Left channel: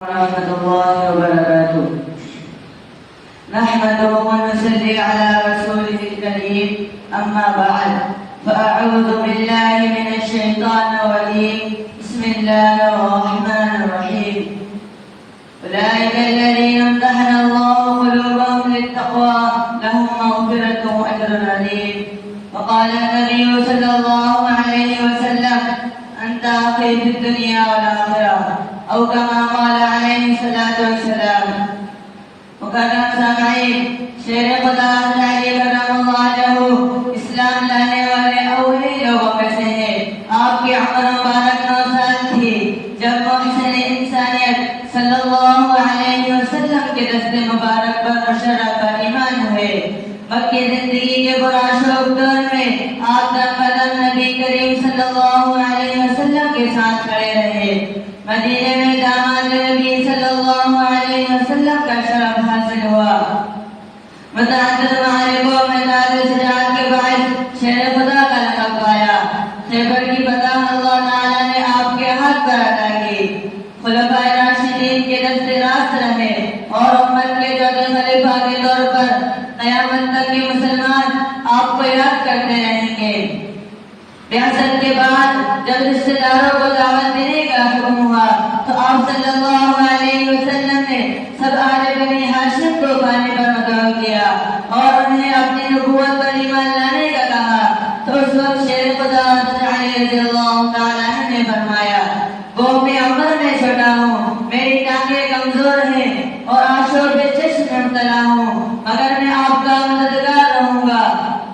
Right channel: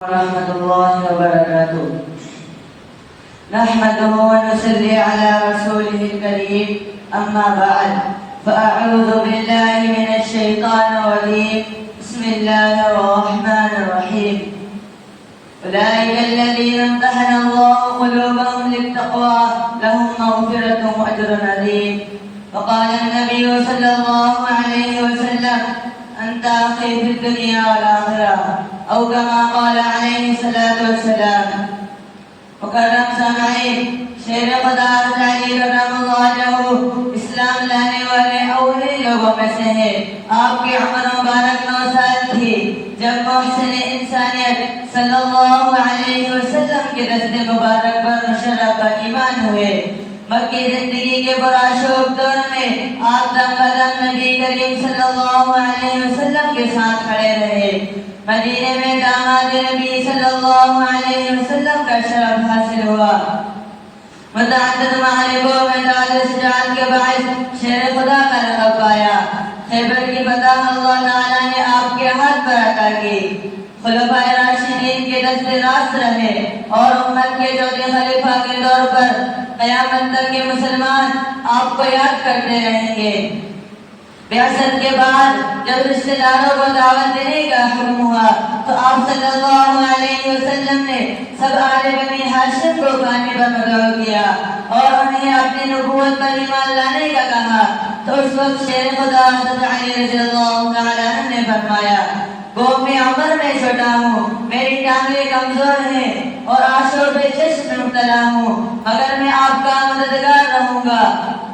ورحمة الله وبركاته. نحمده ونصلي على رسوله الكريم. أما بعد فأعوذ بالله من الشيطان الرجيم. بسم الله الرحمن الرحيم. أولئك الذين امتحن الله قلوبهم للتقوى لهم مغفرة وأجر عظيم. وقال النبي صلى الله عليه وسلم: أنت أخي في الدنيا والآخرة، أو كما قال عليه الصلاة والسلام. مکرم سامعین، شیر خدا علی کرم اللہ اسلام لانے والے اولی لوگوں میں سے ہے. آپ کی عمر مبارک 9 سال تھی جب محسن انسانیت صلی اللہ علیہ وسلم کے دست مبارک پر مشرف پر ایمان ہوئے. مکی زندگی کے پرآشوب دور میں آپ دم قدم نبی کریم صلی اللہ علیہ وسلم کے ساتھ کھڑے رہے. مدینے میں داماد نبی صلی اللہ علیہ وسلم کا شرف حاصل ہوا. متعدد معرکوں میں شجاعت کے باعث شیر خدا کا لقب پایا. خیبر کی فتح اللہ تعالیٰ نے آپ کے ہاتھ پر عطا کی. خلفائے راشدین کے دست راست رہے اور امت کے چوتھے خلیفہ کے طور پر قیامت تک کے مسلمان آپ کو یاد کرتے رہیں گے. بعثت کے بعد جب رشتہ داروں کو دعوت دینے کا حکم ہوا تو آپ صلی اللہ علیہ وسلم نے سب اہل بنی ہاشم کو کھانے پر مدعو کیا اور انہیں اپنی نبوت پر ایمان لانے کا کہا. تو اس وقت شیر خدا حضرت علی رضی اللہ تعالیٰ عنہ نے فرمایا: وہ میں عمر میں چھوٹا ہوں، میری ٹانگیں کمزور ہیں اور آشور بے چشم میں مبتلا ہوں، مگر میں آپ کا مددگار رہوں گا.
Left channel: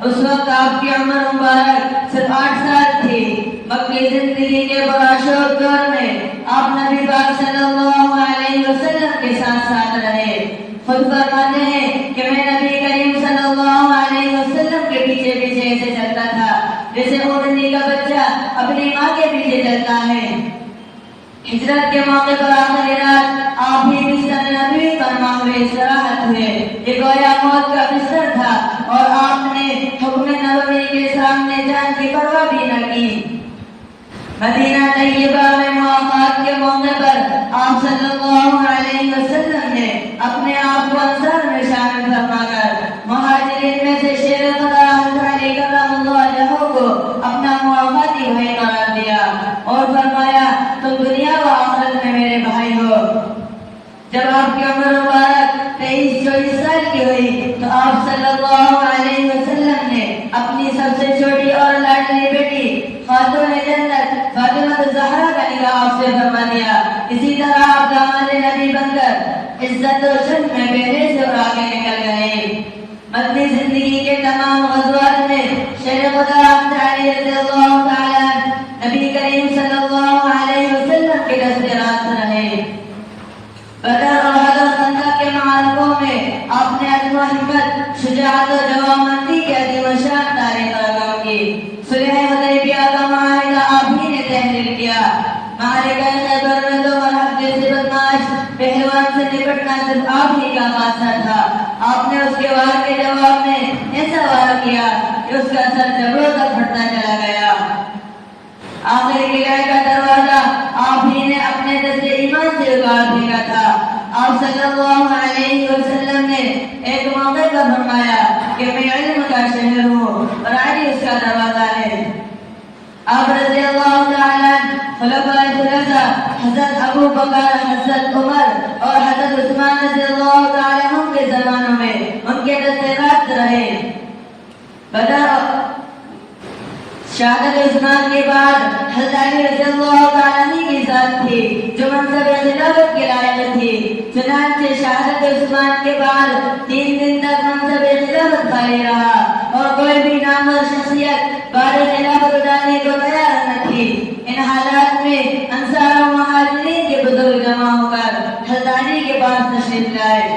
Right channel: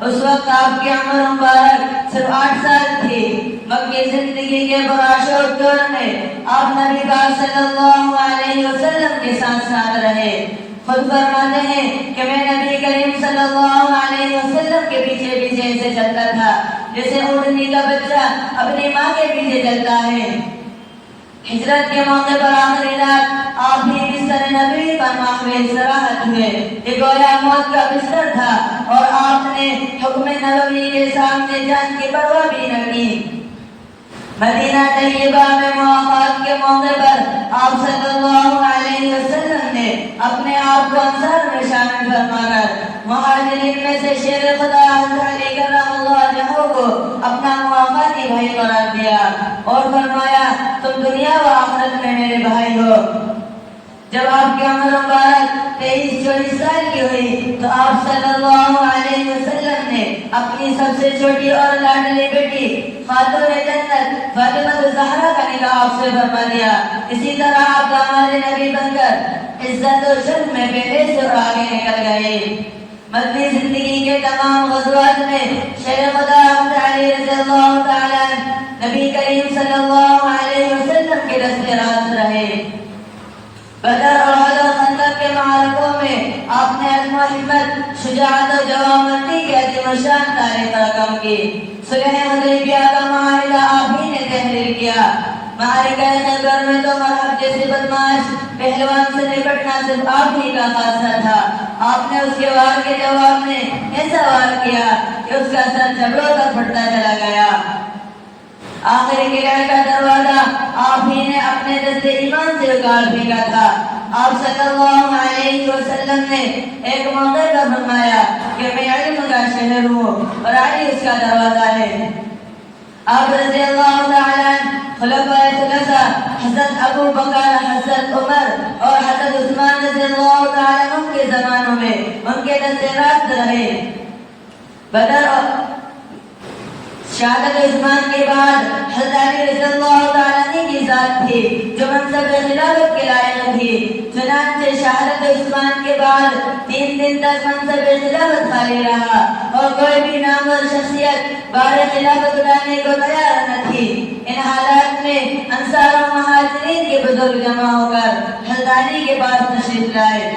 اس وقت آپ کی عمر مبارک صرف 8 سال تھی. مکی زندگی کے پرآشوب دور میں آپ نبی پاک صلی اللہ علیہ وسلم کے ساتھ ساتھ رہے. خود فرماتے ہیں کہ میں نبی کریم صلی اللہ علیہ وسلم کے پیچھے پیچھے ایسے چلتا تھا جیسے اونٹنی کا بچہ اپنی ماں کے پیچھے چلتا ہے. ہجرت کے موقع پر آخری رات آپ بھی بستر نبوی پر معمول استراحت ہوئے. یہ گویا موت کا بستر تھا اور آپ نے حکم نبوی کے سامنے جان کی پرواہ بھی نہ کی. مدینہ طیبہ میں مواقعات کے موقع پر آپ صلی اللہ علیہ وسلم نے اپنے آپ کو انصار میں شامل فرما کر مہاجرین میں سے شیر خدا حضرت علی کرم اللہ وجہہ کو اپنا موافقتی بھائی قرار دیا اور فرمایا: تم دنیا و آخرت میں میرے بھائی ہو. جب آپ کی عمر مبارک 23-24 سال کی ہوئی تو آپ صلی اللہ علیہ وسلم نے اپنی سب سے چھوٹی اور لاڈلی بیٹی خاتون جنت فاطمہ الزہرا کا نکاح آپ سے فرما دیا. اسی طرح آپ داماد نبی بن کر عزت و شرف میں پہلے سے اور آگے نکل گئے. مدنی زندگی کے تمام غزوات میں شیر خدا حضرت علی رضی اللہ تعالیٰ نبی کریم صلی اللہ علیہ وسلم کے دست راست رہے. بدر اور احد و خندق کے معرکوں میں آپ نے عزم و ہمت، شجاعت و جوانمردی کی عظیم و شان تاریخ رقم کی. صلح حدیبیہ کا معاہدہ آپ ہی نے تحریر کیا. معرکہ خیبر میں تو مرحب جیسے بدماش پہلوان سے نپٹنا صرف آپ ہی کا خاصہ تھا. آپ نے اس کے وار کے جواب میں ایسا وار کیا کہ اس کا سر جبڑوں تک پھٹتا چلا گیا. آخر قلعے کا دروازہ آپ ہی نے اپنے دست ایمان سے اگاڑ پھینکا تھا. آپ صلی اللہ علیہ وسلم نے ایک موقع پر فرمایا کہ میں علم کا شہر ہوں اور علی اس کا دروازہ ہے. آپ رضی اللہ تعالیٰ خلفائے ثلاثہ حضرت ابو بکر، حضرت عمر اور حضرت عثمان رضی اللہ تعالیٰ عنہ کے زمانوں میں ان کے دست راست رہے. بدر شہادت عثمان کے بعد حضرت علی رضی اللہ تعالیٰ عنہ کی ذات تھی جو منصب خلافت کے لائق تھی. چنانچہ شہادت عثمان کے بعد 3 دن تک منصب خلافت خالی رہا اور کوئی بھی نامور شخصیت بار خلافت اٹھانے کو تیار نہ تھی. ان حالات میں انصار و مہاجرین کے بزرگ جمع ہو کر حضرت علی کے پاس تشریف لائے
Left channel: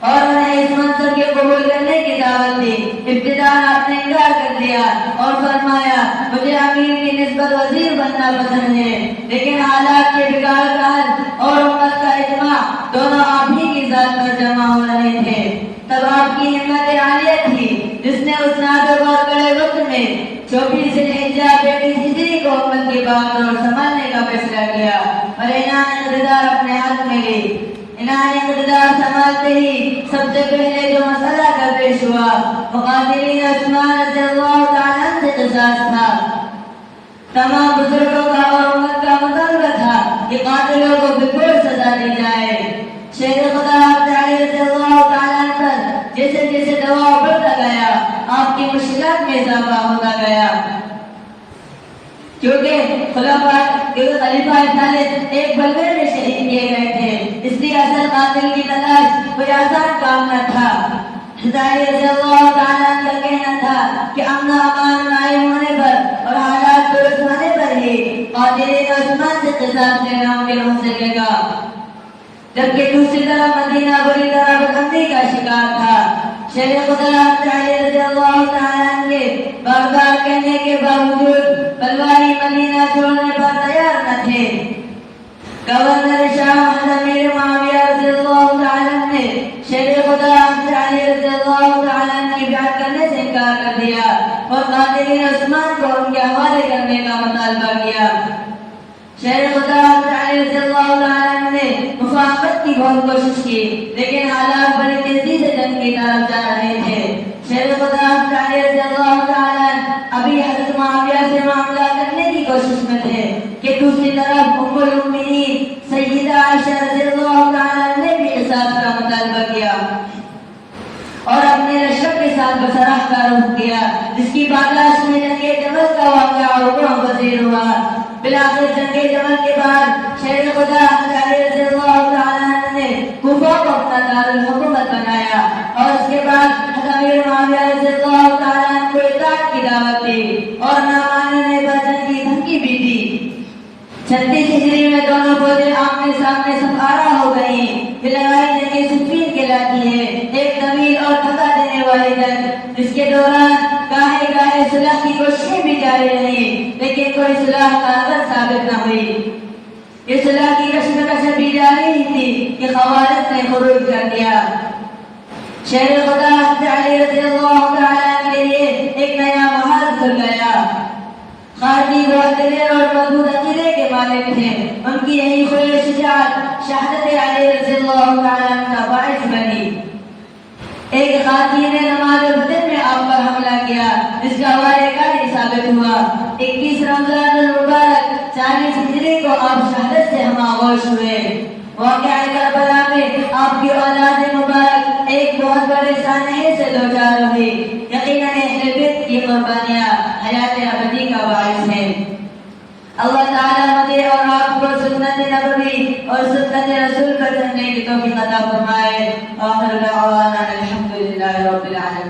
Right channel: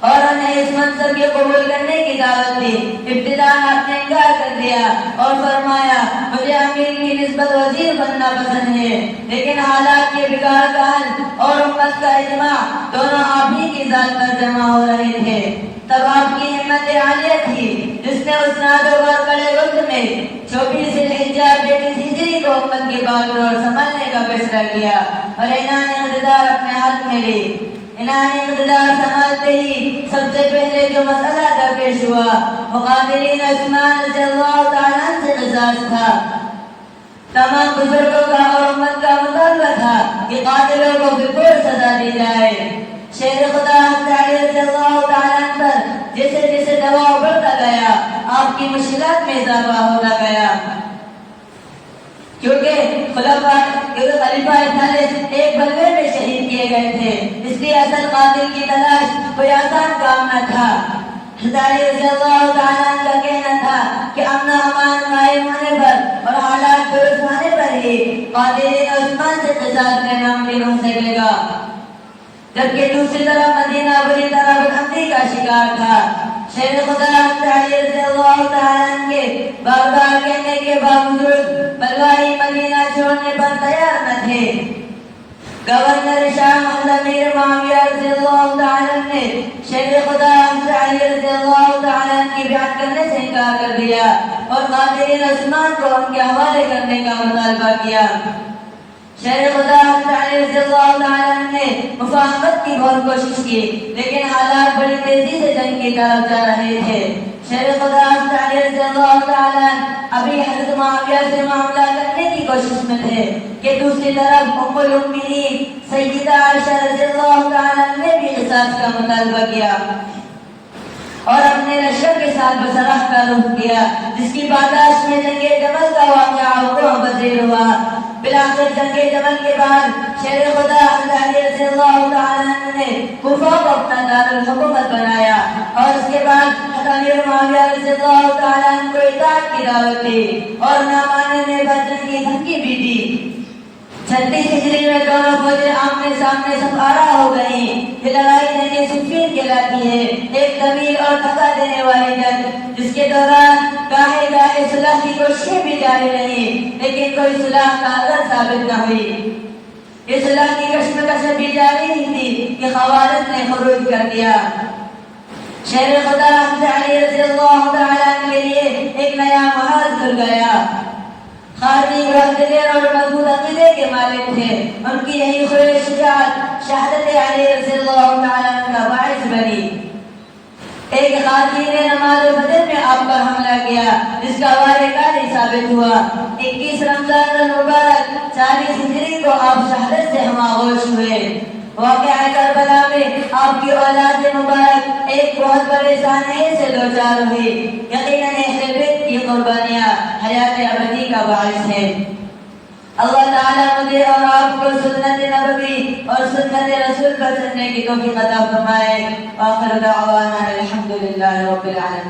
اور انہیں اس منصب کے قبول کرنے کی دعوت دی. ابتداء آپ نے انکار کر دیا اور فرمایا: مجھے امیر کی نسبت وزیر بننا پسند ہے، لیکن حالات کے بگاڑ کا حل اور امت کا اجماع دونوں آپ ہی کی ذات پر جمع ہو رہے تھے. تب آپ کی ہمت عالیہ تھی جس نے اس نازک اور بڑے وقت میں 24 ذی الحجہ 32 ہجری کو امت کے باغ اور سنبھالنے کا فیصلہ کیا اور اعلان اقتدار اپنے ہاتھ میں ملی. انہوں مقدار سماعتے ہی سب سے پہلے جو مسئلہ درپیش ہوا مقاتلین عثمان رضی اللہ تعالیٰ عنہ سے قصاص تھا. تمام بزرگوں کا اور امت کا مطالبہ تھا کہ قاتلوں کو بالکل سزا دی جائے. شیر خدا علی رضی اللہ تعالیٰ عنہ پر جیسے جیسے دباؤ بڑھتا گیا آپ کی مشکلات میں اضافہ ہوتا گیا، کیونکہ خلیفہ ثالث ایک بلوے میں شہید کیے گئے تھے، اس لیے اصل قاتل کی تلاش کوئی آسان کام نہ تھا. حضرت رضی اللہ تعالیٰ عنہ کا کہنا تھا کہ امن امان قائم ہونے پر اور حالات درست ہونے پر ہی قاتلین عثمان سے قصاص لینا ممکن ہو سکے گا. جبکہ دوسری طرف مدینہ بری طرح بلندی کا شکار تھا. شیر خدا علی رضی اللہ تعالیٰ عنہ کے بار بار کہنے کے باوجود بلوائی مدینہ چھوڑنے پر تیار نہ تھے. گورنر شام امیر معاویہ رضی اللہ تعالیٰ عنہ نے شیر خدا علی رضی اللہ تعالیٰ عنہ کی بیعت کرنے سے انکار کر دیا اور قاتلین عثمان کو ان کے حوالے کرنے کا مطالبہ کیا. شیر خدا علی رضی اللہ تعالیٰ عنہ نے مفاہمت کی بہت کوشش کی، لیکن حالات بڑی تیزی سے جنگ کی طرف جا رہے تھے. شیر خدا علی رضی اللہ تعالیٰ عنہ ابھی حضرت معاویہ سے معاملہ کرنے کی کوشش میں تھے کہ دوسری طرف ام المؤمنین سیدہ عائشہ رضی اللہ تعالیٰ عنہ نے بھی قصاص کا مطالبہ کیا اور اپنے لشکر کے ساتھ بصرہ کا رخ کیا، جس کی برداشت میں جنگ جمل کا واقعہ رکوع پذیر ہوا. بلاخر جنگ جمل کے بعد شیر خدا علی رضی اللہ تعالیٰ عنہ نے کوفہ کو اپنا دارالحکومت بنایا اور اس کے بعد امیر معاویہ رضی اللہ تعالیٰ عنہ کو اطاعت کی دعوت دی اور نہ ماننے پر جنگ کی دھمکی بھی دی. 36 ہجری میں دونوں فوجیں آمنے سامنے سفارہ ہو گئیں. یہ لڑائی جنگ صفین کہلاتی ہے، ایک طویل اور تھکا دینے والی جنگ جس کے دوران گاہے گاہے صلح کی کوششیں بھی جاری رہیں، لیکن کوئی صلح کارگر ثابت نہ ہوئی. یہ صلح کی کشمکش بھی جاری ہی تھی کہ خوارج نے خروج کر دیا. شیر خدا علی رضی اللہ تعالیٰ عنہ کے لیے ایک نیا محاذ کھل گیا. خارجی بہت دلیر اور مضبوط عقیدے کے مالک تھے. ان کی یہی خوش شجاعت شہادت علی رضی اللہ تعالیٰ عنہ کا باعث بنی. ایک خاتون نے نماز فجر میں آپ پر حملہ کیا جس کا وارے کاری ثابت ہوا. 21 رمضان المبارک 40 ہجری کو آپ شہادت سے ہماغوش ہوئے. واقعہ کربلا میں آپ کی اولاد مبارک ایک بہت بڑے سانحے سے دوچار ہوئی. یقیناً اہل بیت کی قربانیاں حیات ابدی کا باعث ہے. اللہ تعالیٰ مجھے اور آپ کو سنت نبوی اور سنت رسول پر چلنے کی توفیق عطا فرمائے. وآخر دعوانا الحمدللہ رب العالمین.